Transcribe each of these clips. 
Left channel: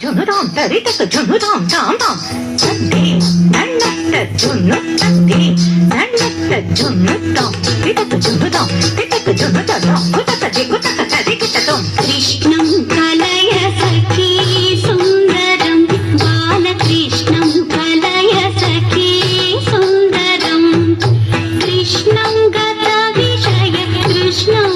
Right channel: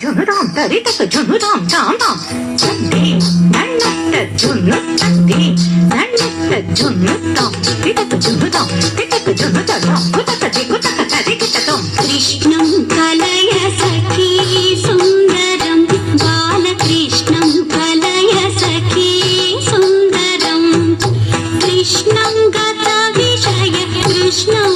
జున్నుదాం తరితక జున్నుదాం దాం దాం తద్ది నన్నట్ట జున్ను తద్ది నన్నట్ట జున్నుదాం తరితక జున్నుదాం తితక జున్నుదాం కుతక దిగుతక తరికితకం కృష్ణం కలయ సఖీ సుందరం బాలకృష్ణం కలయ సఖీ సుందరం కృష్ణం గత విషయ కృష్ణం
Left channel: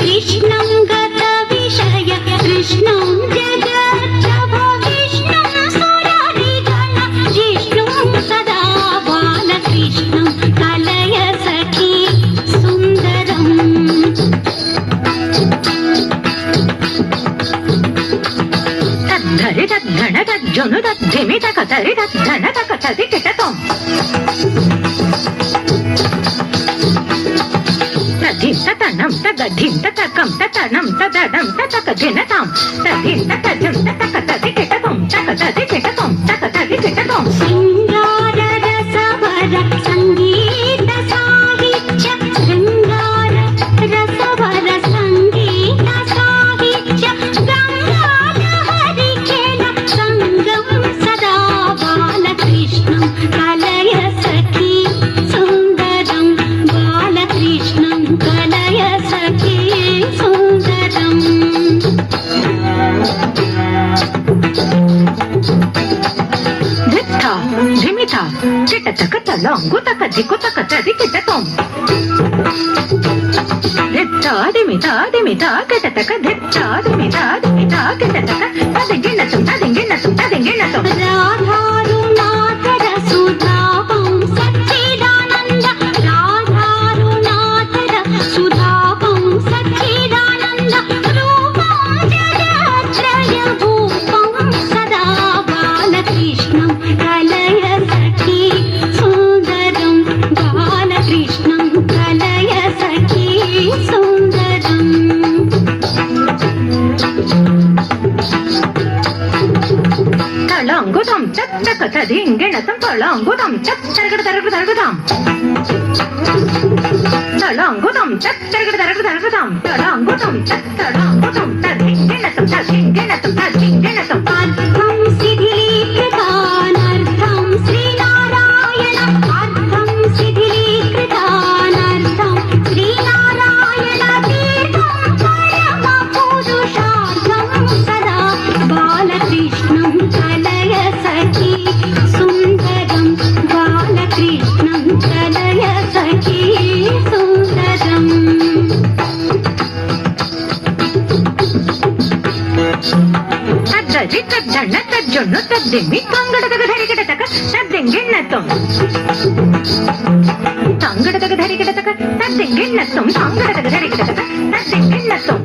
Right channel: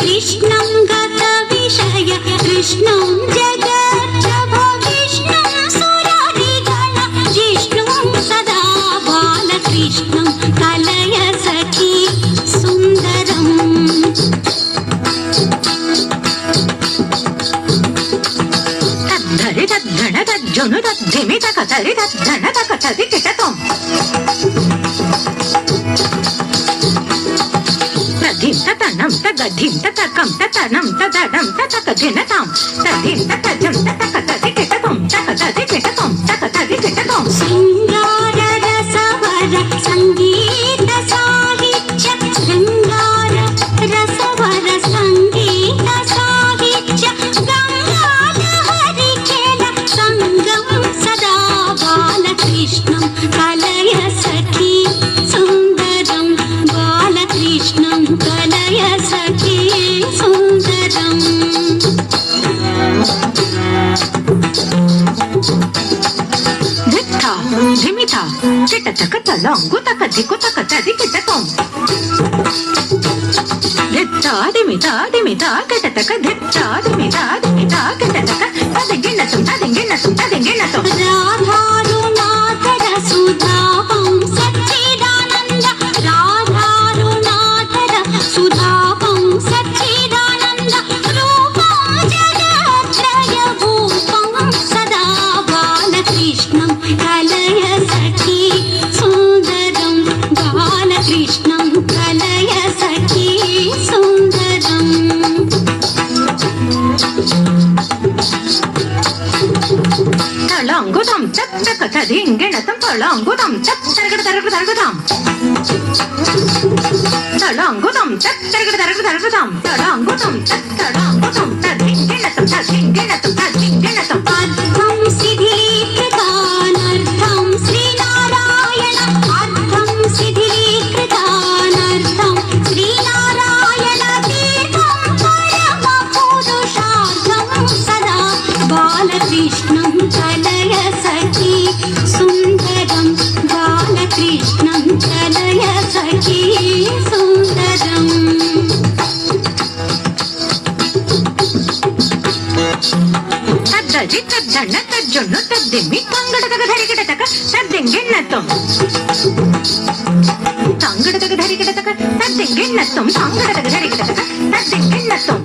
కృష్ణం గత విషయ కృష్ణం జగత్ప్రభ విష్ణుం సురారిగణ జిష్ణుం సదా బాలకృష్ణం కలయ సఖీ సుందరం తద్ధరి తద్ధన తజ్జును తద్ధిమి తక తరి తద్ధన తక తది కిటకం తధిం తతనం తగధిం తతకం తతనం తదడం తతక ధినతాం తధిం తతజం తతక తది కిటకం తక తది కిటకం తక తది కిటకం శృంగార రసవర సంగీత సాహిత్య శృంగార రసవర సంగీత సాహిత్య గంగాధరి కేల సంగం సదా బాలకృష్ణం కలయ సఖీ సుందరం బాలకృష్ణం కలయ సఖీ సుందరం ధిత్తా ధిమితా కిటతక తలంగు తక దికుతక తది కిటకం ధిత్తా ధిమితా ధిమితా కిటతక ధిత్తా ధిమితా ధిమితా కిటతక తదిగినతం తదిగినతం తదిగినతం రాధారునాథర సుధాపం సచ్చిదానంద రాధారునాథర సుధాపం సచ్చిదానంద రూపం జగత్రయ భూపం సదా బాలకృష్ణం కలయ సఖీ సుందరం బాలకృష్ణం కలయ సఖీ సుందరం తళంగుదం చచ్చక చదింగిణతం తళంగుదం చచ్చరగడ తరగడ తరగదాం తళంగుదం చచ్చరగడ తరగడ తరగదాం తళంగుదం చచ్చళంగుదం తదింగిణతం తదింగిణతం తదింగిణతం అర్థం శిథిలీకృతానర్థం శ్రీనారాయణ అర్థం శిథిలీకృతానర్థం శ్రీనారాయణ తీర్థం పరమ పురుషార్థం సదా బాలకృష్ణం కలయ సఖీ సుందరం బాలకృష్ణం కలయ సఖీ సుందరం తద్దజి తద్దన్న తజ్జును తద్దిమ్మి తంగడతక ధరికిటతక తద్దింగిణతం తంగడతక ధరికిటతక తద్దింగిణతం తంగడతక ధరికిటతక తద్దింగిణతం